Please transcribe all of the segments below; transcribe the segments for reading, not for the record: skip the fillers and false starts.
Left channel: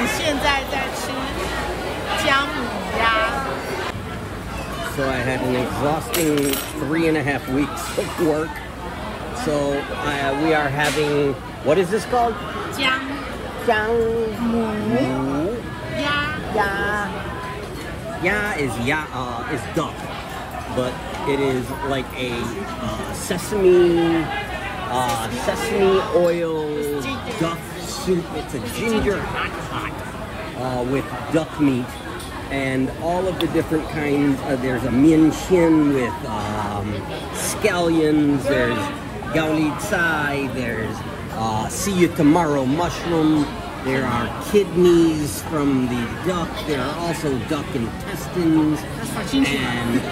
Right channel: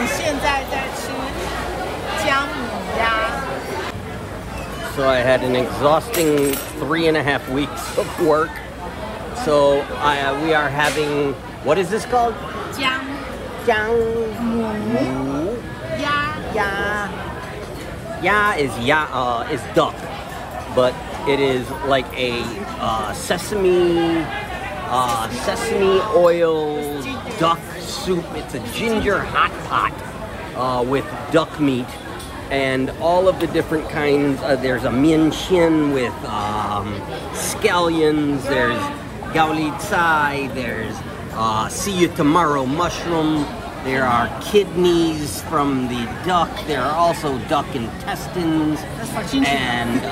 们现在在吃姜母鸭。So I had an exhausting 3.5 weeks of work. So we are having, what is this called? Jiang. Ya is duck, but it is like a sesame oil duck soup. It's a ginger hot pot with duck meat and all of the different kinds. There's a mian chin with scallions. There's gao li cai. There's see you tomorrow mushroom. There are kidneys from the duck. There are also duck intestines and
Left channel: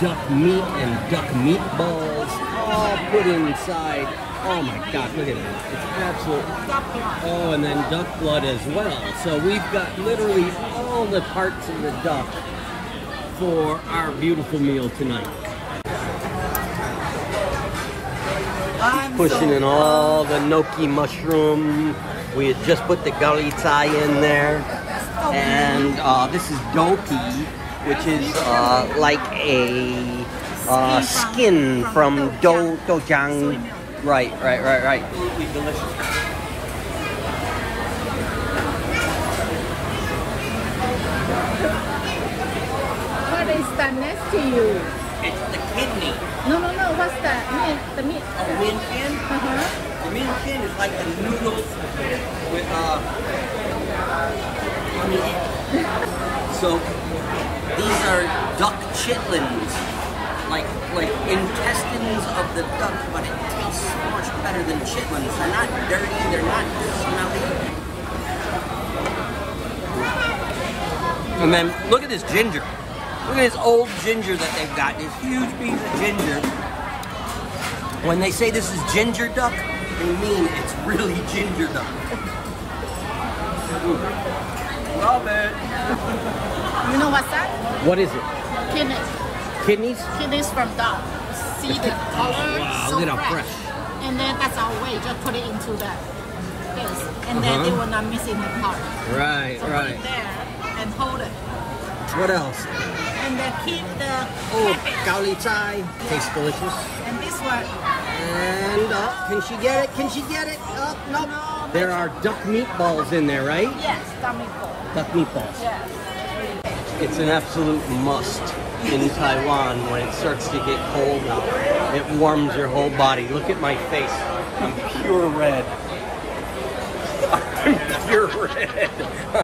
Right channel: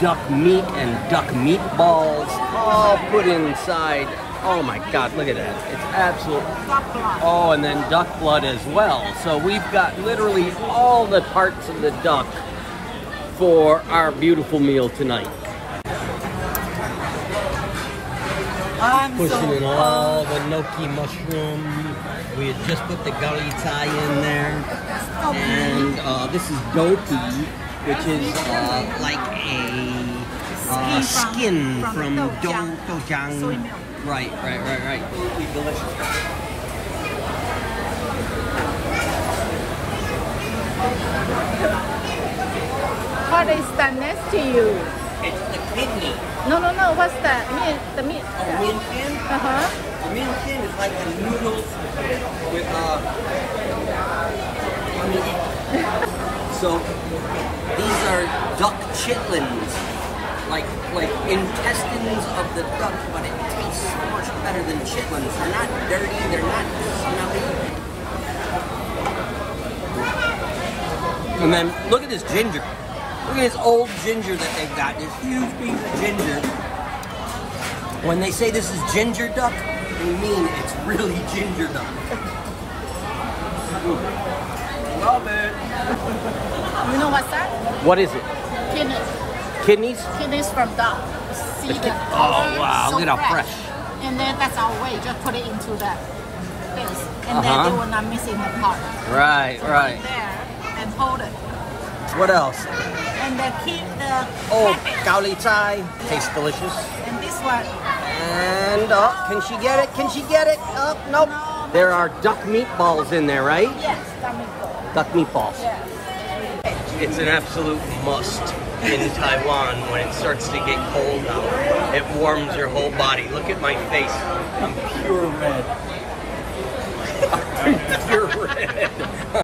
duck meat and duck meatballs all put inside. Oh my God, look at that. It's absolute. Oh, and then duck blood as well. So we've got literally all the parts of the duck for our beautiful meal tonight. Pushing in all the gnocchi mushroom. We had just put the gao li cai in there. And this is doki, which is like a skin from dojang. Right. Absolutely delicious. What is that next to you? It's the kidney. No. What's that? The meat. Oh, mian chin? The mian chin is like a noodle with So these are duck chitlins, like intestines of the duck, but it tastes so much better than chitlins. They're not dirty. They're not smelly. And then look at this ginger. Look at this old ginger that they've got. This huge piece of ginger. When they say this is ginger duck, they mean it's really ginger duck. Love it. You know what's that? What is it? Kidneys. Kidneys? Kidneys from duck. Seeded. Oh wow, look at how fresh. And then that's our way. Just put it into that. And then we're not missing the part. Right. There and hold it. What else? And then keep the... Oh, gao li cai. Tastes delicious. And this one. And, can she get it? Can she get it? Oh, nope. No, there are duck meatballs in there, right? Yes, duck meatballs. Duck meatballs. Yes. It's an absolute must in Taiwan when it starts to get cold. It warms your whole body. Look at my face. I'm pure red. I'm pure red.